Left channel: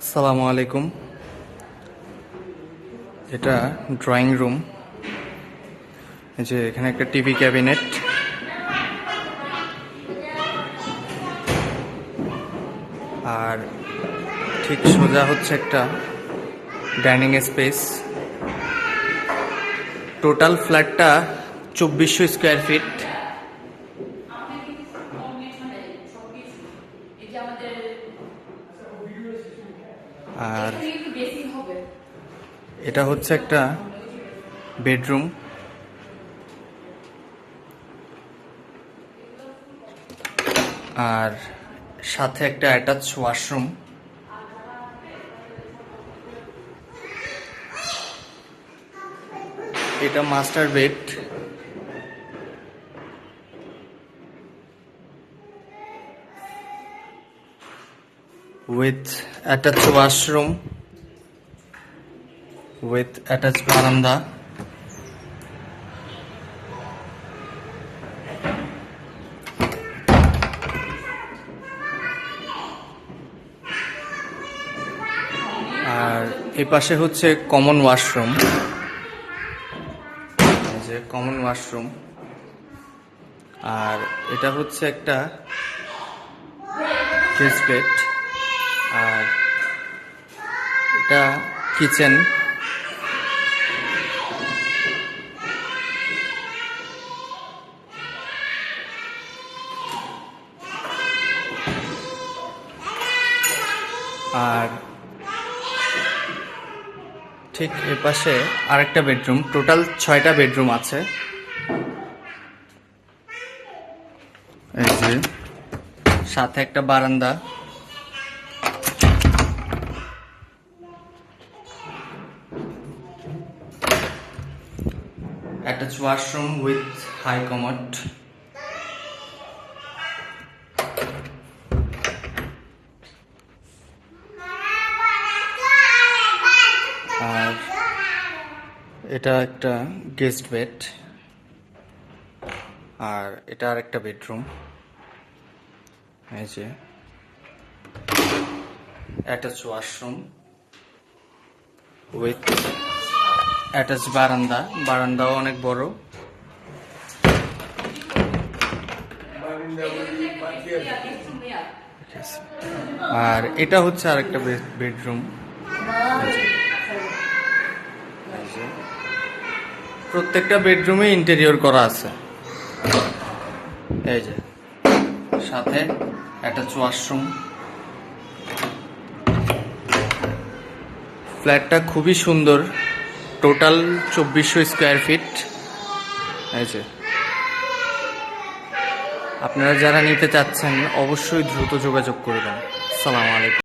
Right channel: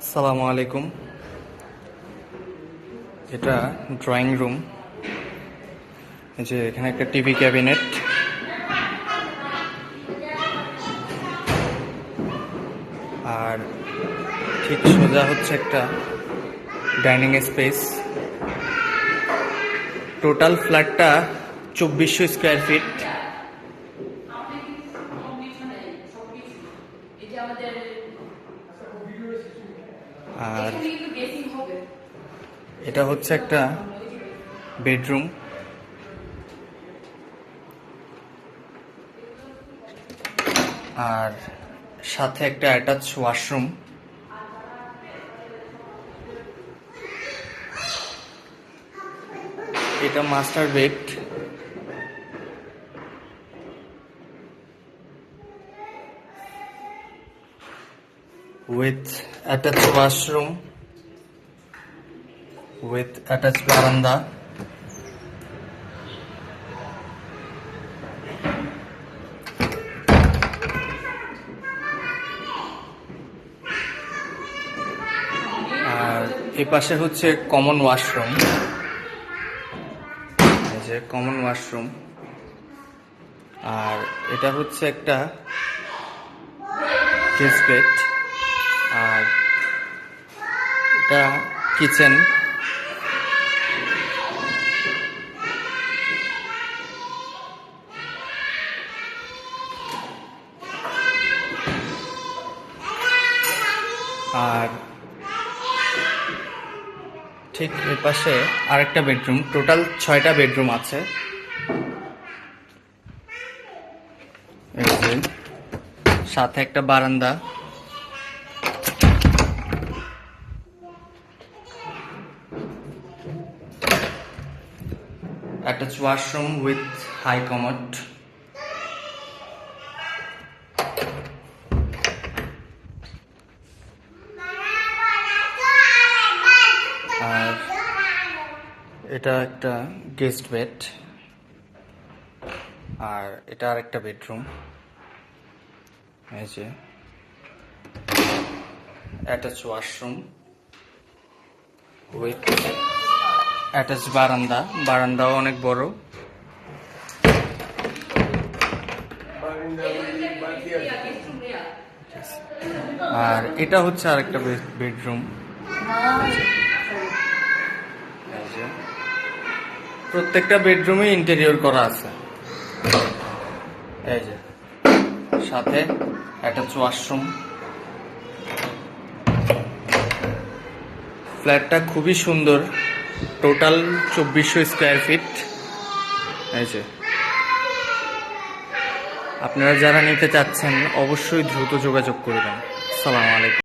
আসসালামু আলাইকুম। এটা ড্রয়িং রুম। এই যে এখানে একটা টিভি ক্যাবিনেট, আর ঠিক সোজা হচ্ছে একটা ডাইনিং স্পেস। টোটাল ফ্ল্যাটটা 2400 স্কোয়ার ফিট। আর এটা হচ্ছে একটা বেডরুম, আর সাথে একটা অ্যাটাচ ওয়াশরুম। এটা master bed, with attached washroom, with attached veranda. আর এ পাশে হচ্ছে কমন ওয়াশরুম। এই যে কমন ওয়াশরুম। আর এটা হচ্ছে একটা গেস্ট বেড, আর এটা কিচেন। আর ঠিক এর পাশে আরেকটা বেডরুম। টোটাল 6টা বেডরুম আছে। এই যে সাথে একটা বারান্দা। Attached washroom with high commode. আর এটা একটা গেস্ট বেড, আর এটা আরেকটা বেডরুম। এই যে attached washroom with attached বারান্দা। বারান্দাও অনেক বড়। আর এটা হচ্ছে আরেকটা বেডরুম। প্রত্যেকটা বেডরুমে ইন্টেরিয়র করা আছে। এই যে সাথে অ্যাটাচ ওয়াশরুম। ফ্ল্যাটটা খুবই সুন্দর। Total 2400 square feet. এই যে আপনারা যারা নিতে চাচ্ছেন অবশ্যই দ্রুত যোগাযোগ করবেন। আসসালামু আলাইকুম।